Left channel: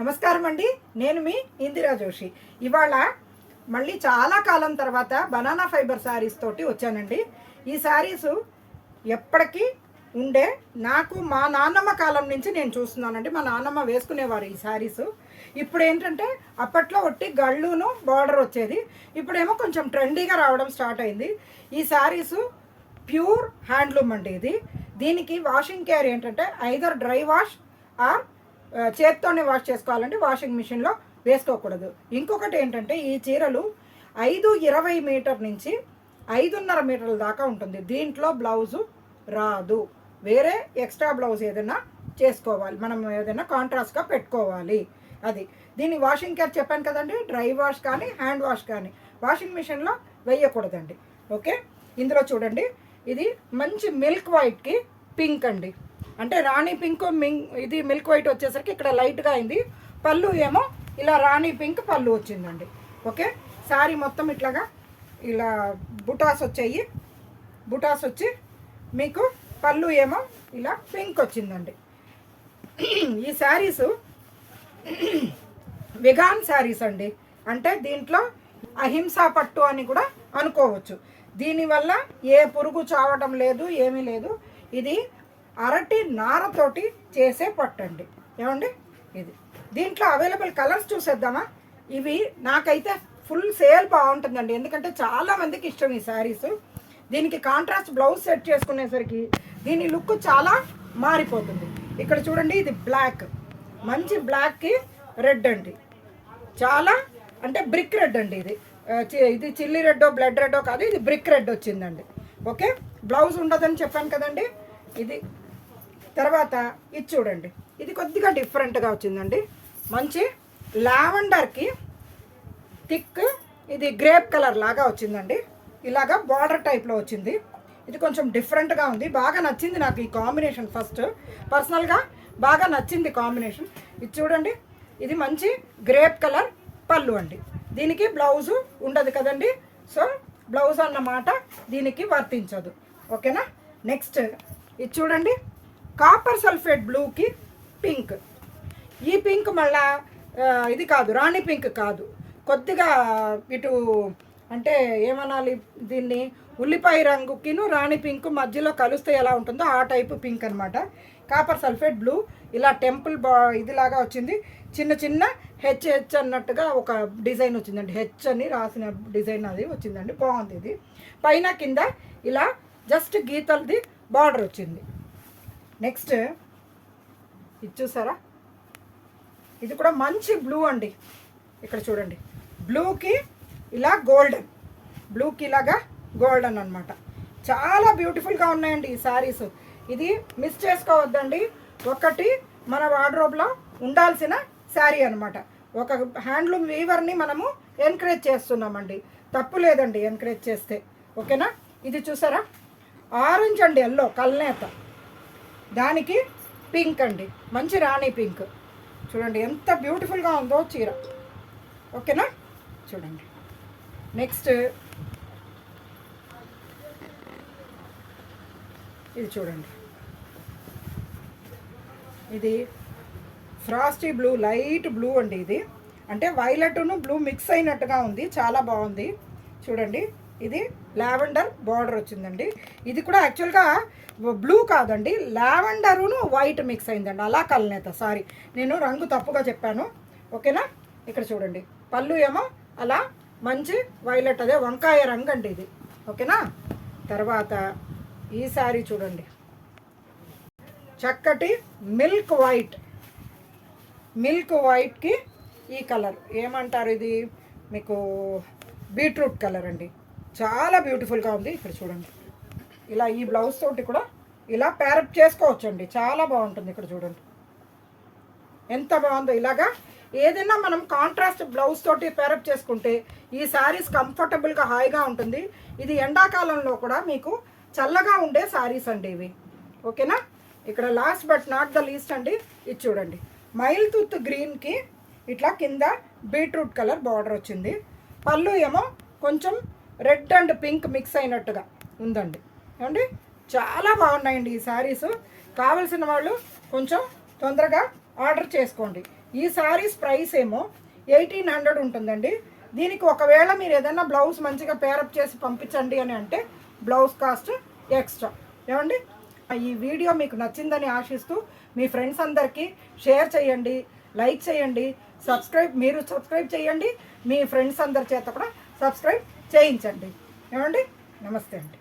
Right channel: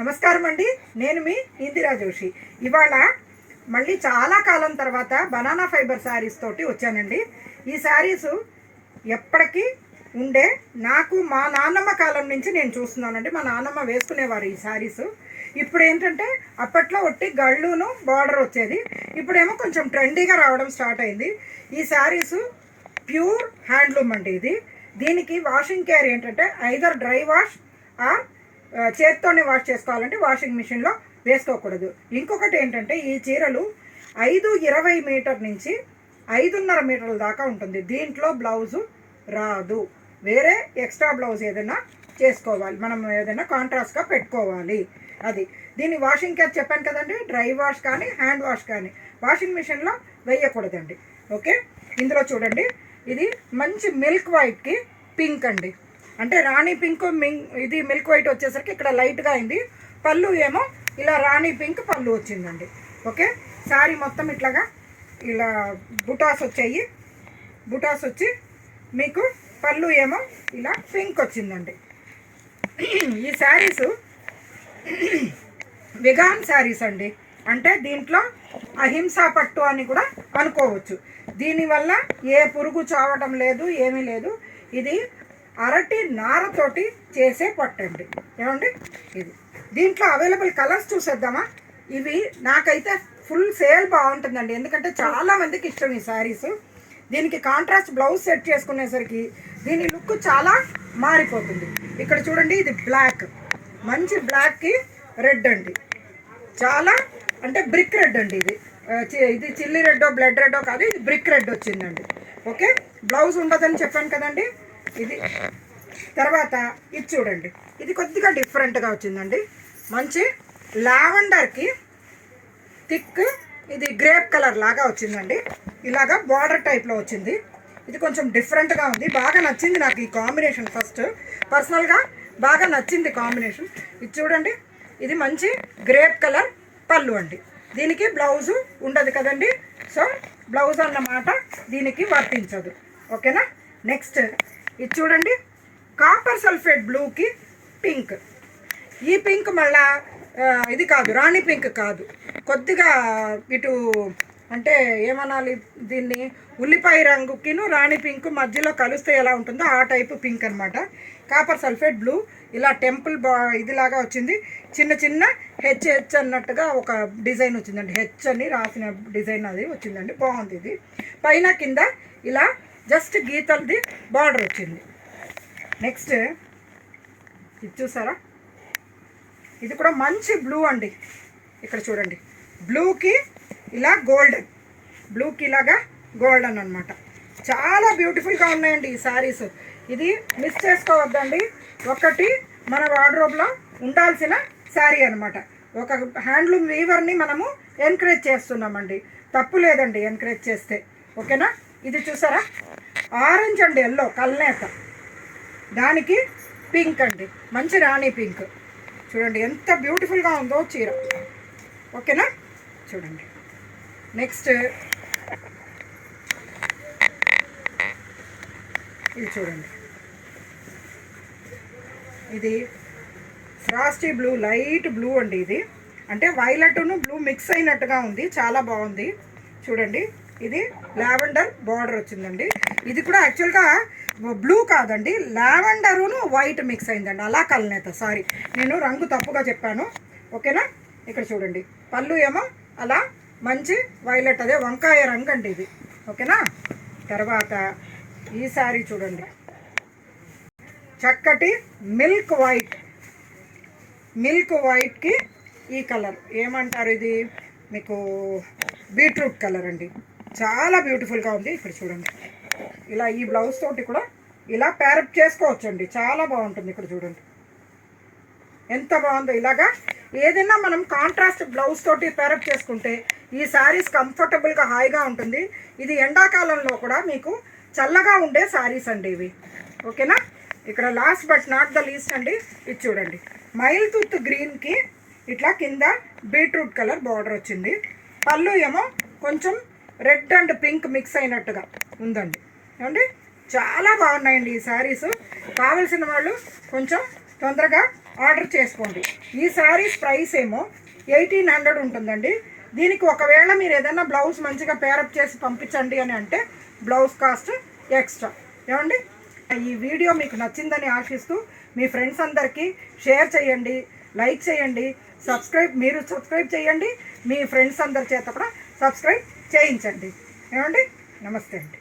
నమస్కారం అండి. నేను మీ ఇందిరా జోషి. ఇవాళ మళ్ళీ చాలా కాలం తర్వాత బనానా ఫైబర్ శారీస్ తోటి వచ్చానండి. ఈ శారీస్ ఎప్పటికీ ఉండే నాకు మా నాన్నమ్మ కాలం నుంచి నేను చూస్తున్నానండి. మా నాన్నమ్మ వేసుకునేవారు ఈ శారీస్. ఇప్పుడు ఏంటంటే అప్పట్లో ఒట్టి గళ్ళును బార్డర్ వచ్చేది, ఇప్పుడేమో కొంచెం ట్రెండీగా రావడం స్టార్ట్ అయింది. ఈ శారీస్ ప్యూర్ హ్యాండ్లూమ్ అండి. దీనికి వాషింగ్ కేర్ ఏంటంటే ఐదర్ డ్రై వాష్ ఆర్ చేత్తోనే వాష్ చేసుకోవాలండి, వాషింగ్ మిషన్లో వేసుకోకూడదు. ఇంకొకటి ఏంటంటే ఈ చీరలు 5.20 మీటర్ నుంచి 5.5 మీటర్ల దాకా ఉంటుంది. దీంట్లో బ్లౌజు రాదు, వేరే ఎక్స్ట్రా బ్లౌజ్ ఏదైనా చేసుకోవాలి, మనం ఏదైనా కాంట్రాస్ట్గా పెట్టుకోవాలి. దీని వాషింగ్ కేర్ చెప్పాను కదండి, డ్రై వాష్ కానీ హ్యాండ్ వాష్ కానీ వాషింగ్ మిషన్లో వేయకూడదండి. ఓకే, ఇందులో చూడండి, ఇది మంచి మిల్క్ వైట్కి పింక్ అండి. అంటే రాణి పింక్ ఇది మిల్క్ వైట్ వచ్చేసరికి ఇక్కడ లైట్గా అయింది. పళ్ళు ఏమో ఇలా రాణి పింక్ పళ్ళు వచ్చిందండి. ఓకే, శారీ మొత్తం ఇట్లాగా ఇలా బుటాస్ వచ్చి మీకు పళ్ళు ఏమో ఇలా పింక్ వచ్చిందండి. ఈ శారీస్ వెగాన్ శారీస్ అండి. అంటే దీంట్లో అహింసా పట్టు అని కూడా అనుకోవచ్చు. దీనివల్ల ఏ పురుగు చావటం లేదు, ఏమీ లేదు. ఇది అరటి నారతోటి చేసే పట్టండి. ఏమండి, దీంట్లో అవైలబుల్ కలర్స్ చూసేద్దామా? ఇవి నాకైతే ఫుల్ సేల్ బాగుంటుందండి, ఎందుకంటే చాలామందికి ఇష్టం ఈ శారీస్. దీనికి కాంట్రాస్ట్ బ్లౌజ్ సెట్ చేసుకునేసరికి దీని లుక్ చాలా మారిపోతుంది. ఇక్కడ చూడండి, ఇది బ్లాక్, మంచి బ్లాక్కి రెడ్ అండి, చాలా అంటే బ్రిక్ రెడ్ అండి. ఇది చిల్లీ రెడ్డో బ్లడ్ రెడ్డో కాదు, ఇది బ్రిక్ రెడ్ వచ్చిందండి. ఓకే, బ్లౌజ్ ఉండదని చెప్పాను కదండి. ఇది తర్వాత ఇది చూడండి, ఇది కొద్దిగా డిఫరెంట్గా వచ్చిందండి. మంచి లావెండర్కి థిక్ ఇది గ్రేప్ కలర్ లాగా వచ్చిందండి. ఇలాగా బార్డర్ టైప్లో వచ్చింది. ఇది కొంచెం డిఫరెంట్గా ఉంది, బాగా నచ్చింది నాకు ఈ కాంబినేషన్. ఫస్ట్ పర్సనల్గా బాగా నచ్చింది కాంబినేషన్. ఇది చూడండి, ఇది మంచి గ్రేప్ కలర్ పళ్ళు అండి. దీనికి బ్లౌజు ఉండదు కదండి, సో బ్లౌజ్ అన్నమాట దీనికి వర్తించదు. ఓకేనా. నెక్స్ట్ ఇది చూడండి, కాపర్ సల్ఫేట్ బ్లూకి పింక్. ఈ పింక్ మళ్ళా ఇది కాదు, రాణి పింక్ కాదు, కొద్దిగా ఇటు అంటే ఏమనాలి దీన్ని, ఉల్లిపాయ రంగుకిను రాణి పింక్ మధ్యలో కలిస్తే ఎలా ఉంటుందో ఆ టైపు పింక్ అనమాట. కాపర్ సల్ఫేట్ బ్లూ ఇలా టెంపుల్ ఇదిలాగా వచ్చింది. చిన్న చిన్న హెచ్ అన్నట్టుగా ఒక డిజైన్ వచ్చిందండి, హెచ్ అని రాసిన డిజైన్ అది వచ్చిందండి, బాగుంది. ఇది పైన కింద ఇలా జస్ట్ గీతలది బార్డర్ వచ్చింది. నెక్స్ట్ ఇది చూసారా, ఇది కూడా మంచి బ్లూ అండి. ఇక్కడ చూడండి, బ్లూకి ఇలా గోల్డెన్, బ్లూకి ఇలాగా గోల్డెన్ అనమాట. చాలా బ్యూటిఫుల్గా ఉన్నాయండి ఈ శారీస్. ఇది మిస్ చేసుకోవద్దండి, ఒకటి మన వార్డ్రోబ్లో ఉండాల్సిన శారీ అనమాట. ఒక హ్యాండ్లూమ్ వీవర్ని మనము ఎంకరేజ్ చేస్తున్నామండి, తప్పు లేదండి ఎంకరేజ్ చేస్తే. ఓకేనా. ఇది చూసారా, ఆరెంజ్ అండ్ ఎల్లో కల్నేత, దానికి పింక్ అండి, మంచి రాణి పింక్. చూడండి ఎంత బ్యూటిఫుల్గా ఉందో చీర. ఓకేనా, చూడండి. నెక్స్ట్ ఇది చూడండి, ఇది ఫ్రాస్టీ బ్లూ, లైట్ బ్లూ అండి. ఇది అంటే వైలెట్ను బ్లూ మిక్స్ అయినట్టుగా ఉంది, చాలా బాగుంది. చూడండి, ఇది లావెండర్ బార్డర్ వచ్చిందండి. ఇది కూడా యాక్చువల్గా బ్లూ కాదండి, లావెండరును వైట్ మిక్స్ అయిందండి, అలా కల్నేత. సారీ, నేను రంగు తప్పుగా చెప్పాను. ఓకేనా. ఇక్కడ చూడండి, పళ్ళు ఏమో అలా మంచి వైలెట్, అదే వంకాయ రంగు అండి ఇది. ఓకేనా. తర్వాత ఈ సారీ చూడండి, చక్కటి మిల్క్ వైట్కి ఈ కలర్ ఏమంటారు, ఇది మీకు బీట్రూట్ కలర్ అండి, చాలా బ్యూటిఫుల్గా ఉంది. ఇక్కడ చూడండి, ఇలా ఈ బ్లౌజ్ తోటి కూడా ఇలా ప్యారప్ చేసుకోవచ్చు అండి, చాలా బాగుంటుంది. ఇక్కడ చూడండి ఎంత బాగుందో. ఇలాగా ఏదైనా మనం కాంట్రాస్ట్ బ్లౌజ్ తోటి ప్యారప్ చేసుకుంటే ఈ శారీస్ కంఫర్టబుల్గా హాయిగా ఉంటుంది. ఇది ఎండాకాలంలో కూడా మీకు చల్లగా ఉండే శారీస్ అండి ఇవి. ఓకేనా. ఇక్కడ last but not the least అండి, ఇది చూడండి, మైల్ టూత్ గ్రీన్కి ఇట్లా కింద బీట్రూట్ కలర్ బార్డర్ వచ్చింది. పళ్ళు ఏమో కొంచెం రెడ్ అండ్ పింక్ మిక్స్ అయినట్టుగా ఉందండి. ఏమండి, చాలా బాగున్నాయండి ఈ శారీస్. కావలసిన వాళ్ళు కొంచెం తొందరగా ఆర్డర్ చేసుకోండి. ఈ శారీస్ ప్రైస్ ఏమో 1800 ఉంటుందండి. దీనికి ఒకవేళ మీరు ఏదైనా బ్లౌజ్ మంచిగా పేరప్ చేసి పంపించండి అని అంటే బ్లౌజ్ కాస్ట్ ఎక్స్ట్రా. ఏమండి, ఈ వీడియో మీకు నచ్చిందని ఆశిస్తూ మీ ఫ్రెండ్స్ అందరికీ షేర్ చేయండి, లైక్ చేయండి, సబ్స్క్రైబ్ చేయండి, మీ ఫ్రెండ్స్ అందరి చేత కూడా సబ్స్క్రైబ్ చేయించండి. ఏమండి, నమస్తే అండి.